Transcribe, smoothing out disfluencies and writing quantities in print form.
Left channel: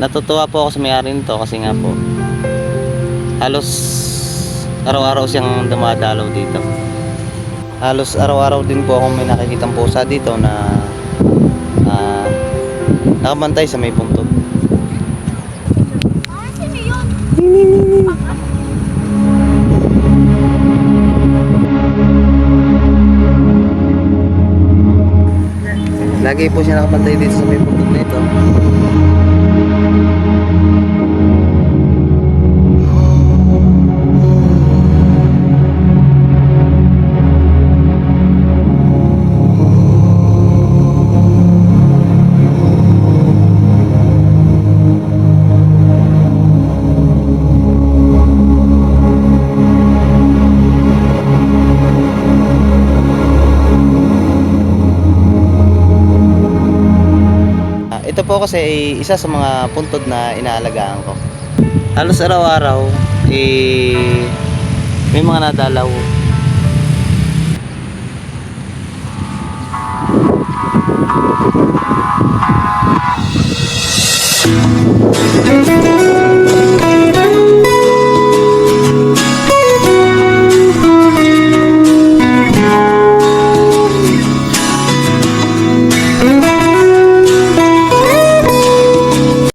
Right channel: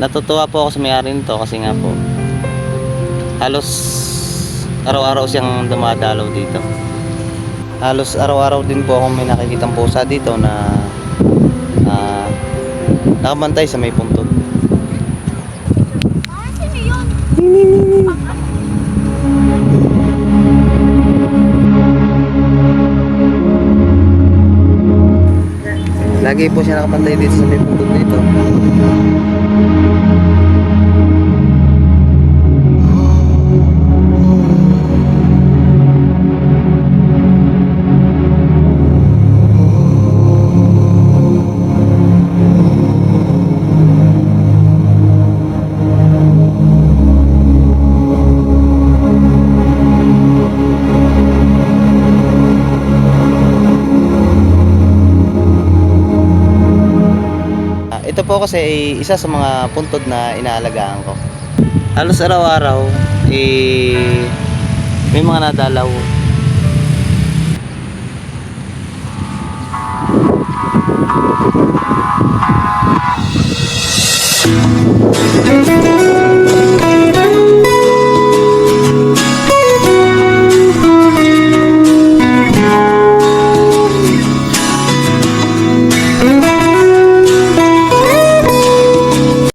Natutuwa po ako sa may-ari nito kasi nga po halos araw-araw siyang dumadalaw dito. Halos araw-araw din po ako may nakikitang pusa dito na nakabantay sa may puntod. Sino yun? Lagi po siya nakabantay dito sa may puntod nito. Ito po kasi ay isa sa mga puntod na inaalagaan ko. Halos araw-araw may mga nadalaw.